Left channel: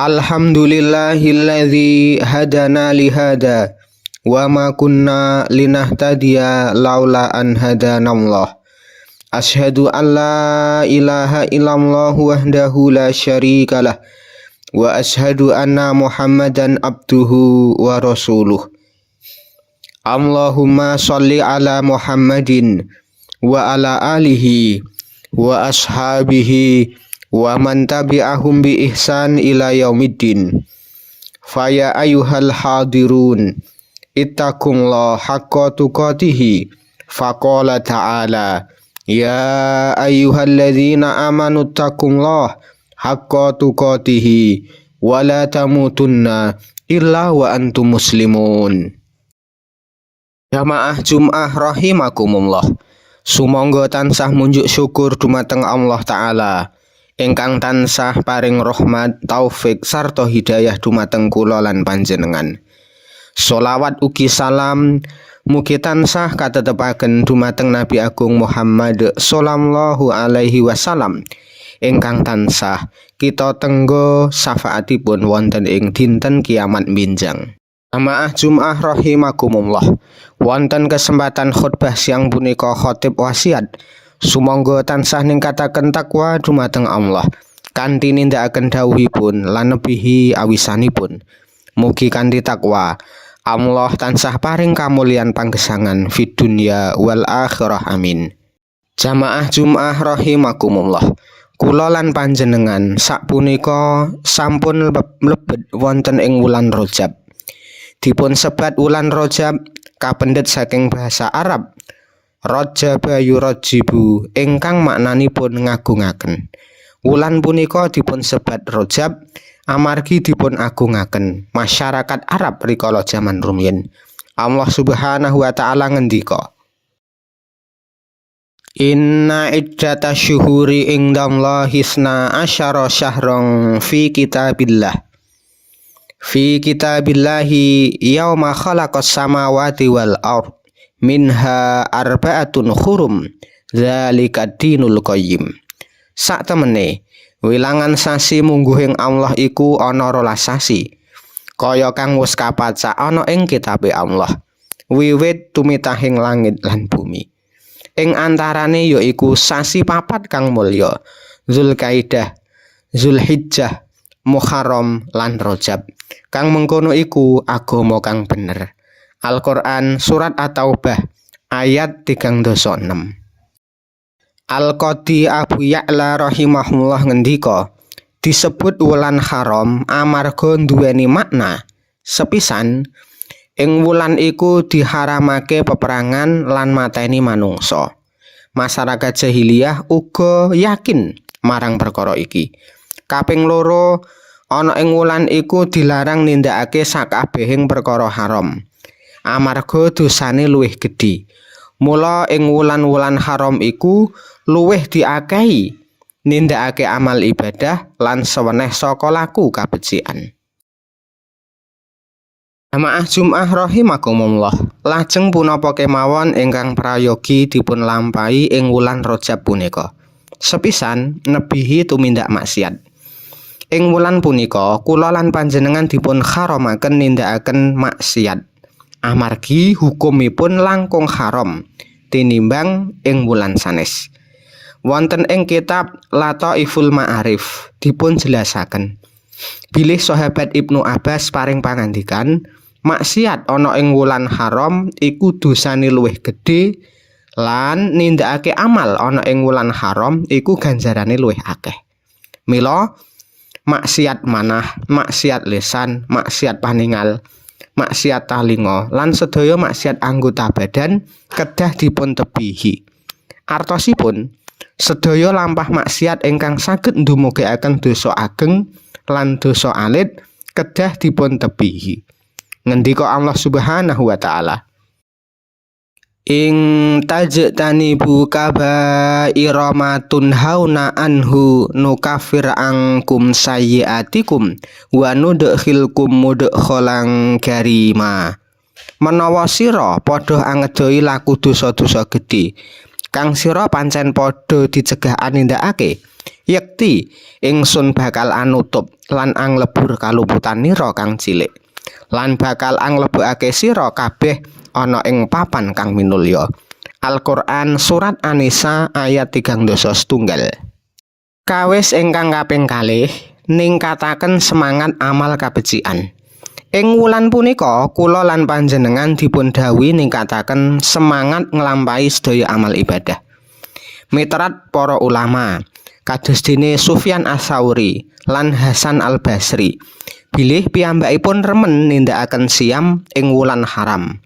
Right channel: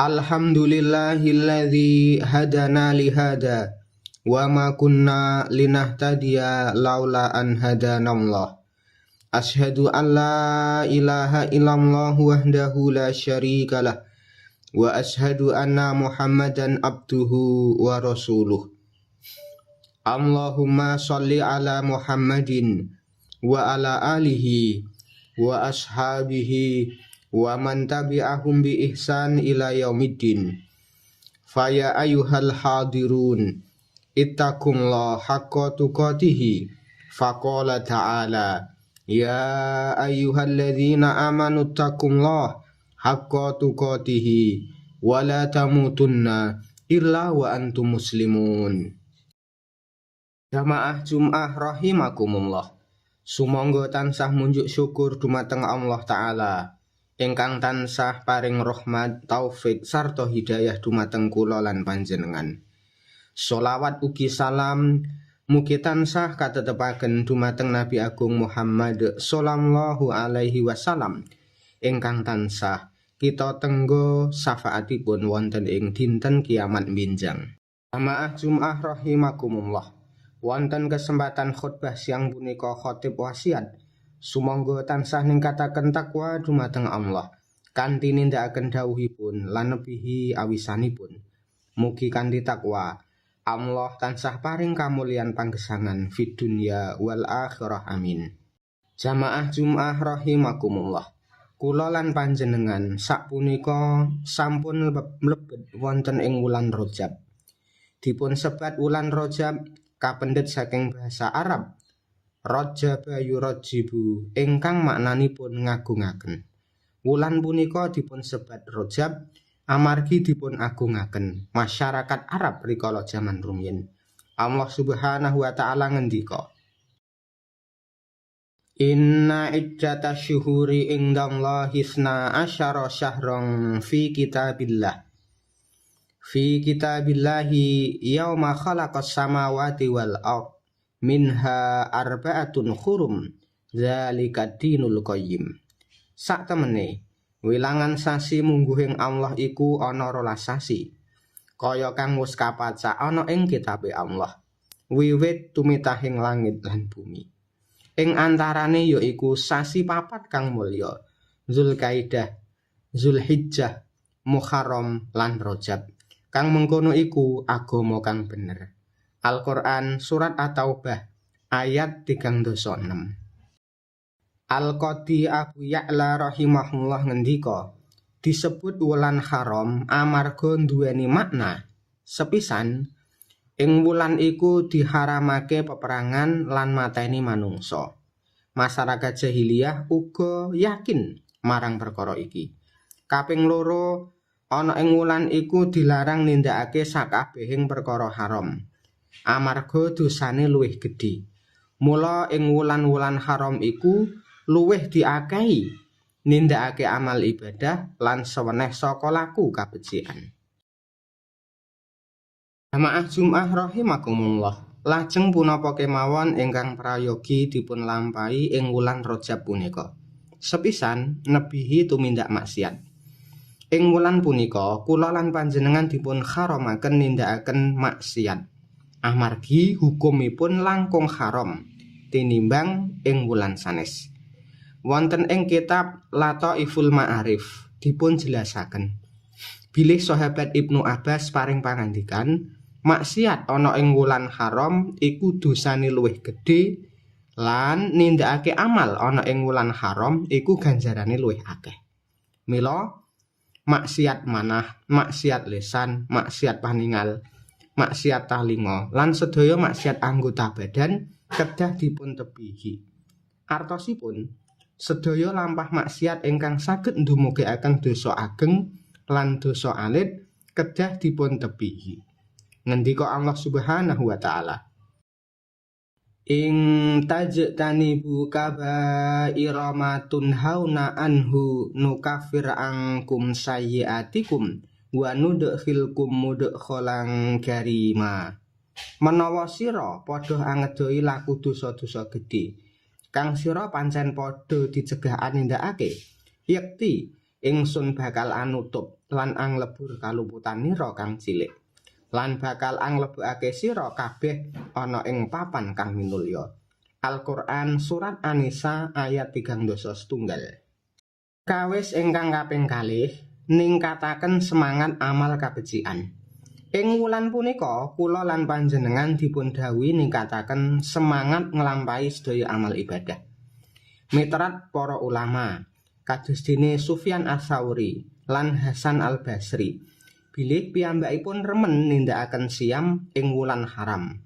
Alhamdulillahilladzi hadana lihada wa ma kunna linahtadiya laula an hadanallah. Asyhadu an la ilaha illallah wahdahu la syarikalah wa asyhadu anna Muhammadan abduhu wa rasuluh. Allahumma sholli ala Muhammadin wa ala alihi wa ashabihi wa man tabi'ahum bi ihsan ila yaumiddin. Faya ayyuhal hadirun ittaqullaha haqqa tuqatih. Faqala ta'ala ya ayyuhalladzina amanu ittaqullaha haqqa tuqatih wa la tamutunna illa wa antum muslimun. Jamaah Jum'ah rahimakumullah. Sumangga tansah munjuk syukur dumateng Allah Ta'ala ingkang tansah paring rahmat, taufik sarta hidayah dumateng kula lan panjenengan. Sholawat ugi salam mugi tansah katetepaken dumateng Nabi Agung Muhammad sallallahu alaihi wasallam ingkang tansah kita tenggo syafaatipun wonten ing dinten kiamat minjang. Jamaah Jum'ah rahimakumullah. Wonten kesempatan khutbah siang punika khotib wasiat sumangga tansah ningkataken takwa dumateng Allah kanthi nindakaken dawuhipun lan nebihi awisanipun. Mugi kanthi takwa Allah tansah paring kamulyan panggesangan fid dunya wal akhirah amin. Jamaah Jum'ah rahimakumullah. Kula lan panjenengan sakpunika sampun mlebet wonten ing wulan Rajab. Dipun sebat wulan Rajab kapendhet saking bahasa Arab Rajaba yurajibu ingkang maknanipun ngagungaken. Wulan punika dipun sebat Rajab amargi dipun agungaken masyarakat Arab rikala jaman rumiyin. Allah Subhanahu wa taala ngendika, Inna iddata syuhuri indallahi isna asyara syahran fi kitabillah. Fi kitabillahi yauma khalaqas samawati wal ardh minha arba'atun hurum dzalika dinul qayyim. Sak temene wilangan sasi mungguhing Allah iku ana 12 sasi kaya kang wis kapacak ana ing kitabe Allah wiwit tumitahing langit lan bumi. Ing antarane yaiku sasi papat kang mulya Zulkaidah, Zulhijjah, Muharram lan Rajab. Kang mengkono iku agama kang bener. Al-Qur'an surat At-Taubah ayat 36. Al-Qadi Abu Ya'la rahimahullah ngendika, disebut wulan haram amarga nduweni makna sepisan ing wulan iku diharamake peperangan lan mateni manungsa. Masyarakat jahiliyah uga yakin marang perkara iki. Kaping loro, ana ing wulan iku dilarang nindakake sakabehing perkara haram amarga dosane luwih gedhe. Mula ing wulan-wulan haram iku luwih diakehi nindakake amal ibadah lan seweneh saka laku kabecikan. Jamaah Jum'ah rahimakumullah. Lajeng punapa kemawon ingkang prayogi dipun lampahi ing wulan Rajab punika. Sepisan nebihi tumindak maksiat. Ing wulan punika kula lan panjenengan dipun haramaken nindakaken maksiat amargi hukumipun langkung haram tinimbang ing wulan sanes. Wonten ing kitab Lataiful Ma'arif dipun jelasaken bilih sahabat Ibnu Abbas paring pangandikan maksiat ana ing wulan haram iku dosane luwih gedhe lan nindakake amal ana ing wulan haram iku ganjarane luwih akeh. Mila maksiat manah, maksiat lisan, maksiat paningal, maksiat talinga lan sedaya maksiat anggota badan kedah dipun tebihi. Artosipun sedaya lampah maksiat ingkang saged ndumugaken dosa ageng lan dosa alit kedah dipun tebihi. Ngendika Allah Subhanahu wa taala, Ing tajtanibu kaba'ira ma tunhauna anhu nukafir angkum sayyiatikum wa nudkhilkum mudkhalan karima. Menawa sira padha angedoi laku dosa-dosa gedhe kang sira pancen padha dicegah nindakake, Yekti ingsun bakal anutup lan anglebur kaluputan nira kang cilik, lan bakal anglebokake sira kabeh ana ing papan kang minulya. Al-Qur'an Surat An-Nisa ayat 37. Kawis ingkang kaping kalih ningkataken semangat amal kabecikan. Ing wulan punika kula lan panjenengan dipun dawuhi ningkataken semangat nglampahi sedaya amal ibadah. Miterat para ulama kados dene Sufyan Ats-Tsauri lan Hasan Al-Basri bilih piyambakipun remen nindakaken siam ing wulan haram.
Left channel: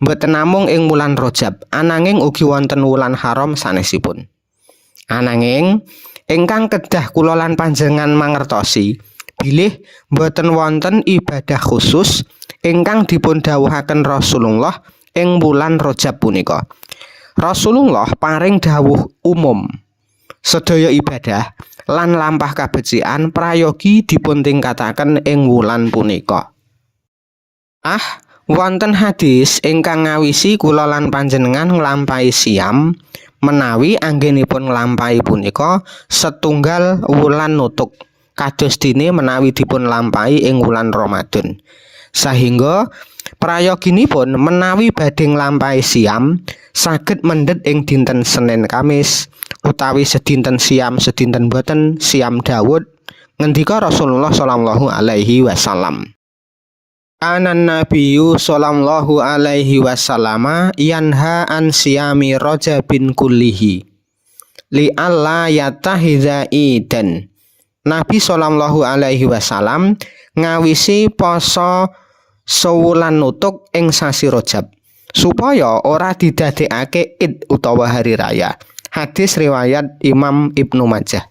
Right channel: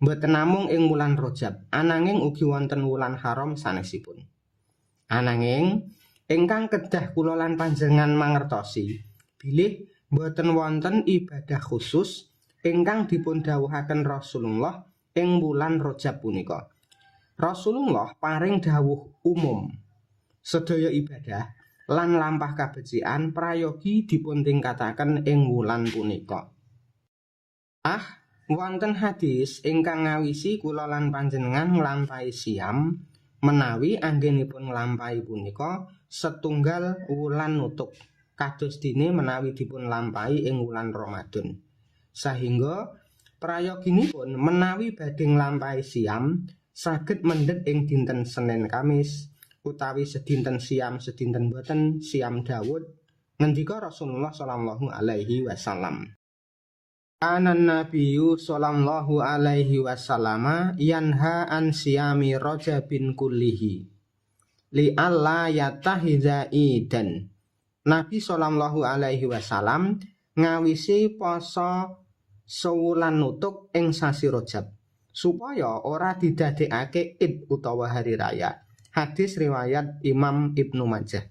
Mboten namung ing wulan Rajab, ananging ugi wonten wulan haram sanesipun. Ananging ingkang kedah kula lan panjenengan mangertosi bilih mboten wonten ibadah khusus ingkang dipun dawuhaken Rasulullah ing wulan Rajab punika. Rasulullah paring dawuh umum sedaya ibadah lan lampah kabecikan prayogi dipun tingkataken ing wulan punika. Wonten hadis ingkang ngawisi kula lan panjenengan nglampahi siam menawi anggenipun nglampahi punika setunggal wulan nutuk kados dene menawi dipun lampahi ing wulan Ramadan. Sahingga prayoginipun menawi badhe nglampahi siam saged mendhet ing dinten Senin Kamis utawi sedinten siam sedinten boten siam Daud. Ngendika Rasulullah sallallahu alaihi wasallam, Anan Nabiyyu sallallahu alaihi wasallam yanha an siyami Rajabin kullihi li alla yatahiza idan. Nabi sallallahu alaihi wasallam ngawisi poso sewulan nutuk ing sasi Rajab supaya ora didadekake Id utawa hari raya. Hadis riwayat Imam Ibnu Majah.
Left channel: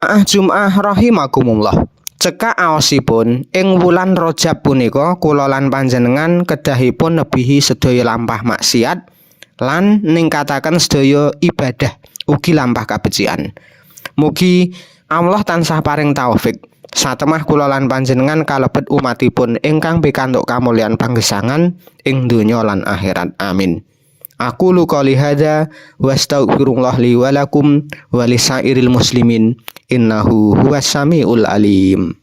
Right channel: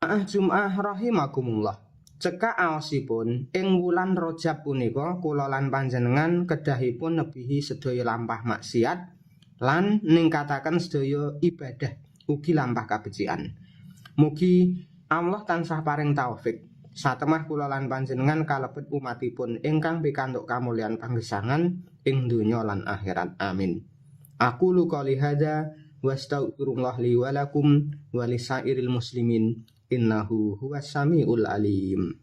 Jum'ah rahimakumullah. Cekak aosipun ing wulan Rajab punika kula lan panjenengan kedahipun nebihi sedaya lampah maksiat lan ningkataken sedaya ibadah ugi lampah kabecikan. Mugi Allah tansah paring taufik satemah kula lan panjenengan kalebet umatipun ingkang pikantuk kamulyan panggesangan ing donya lan akhirat. Amin. Aku qouli hadza wastaghfirullah li wa lakum wa lisairil muslimin innahu huwas samiul alim.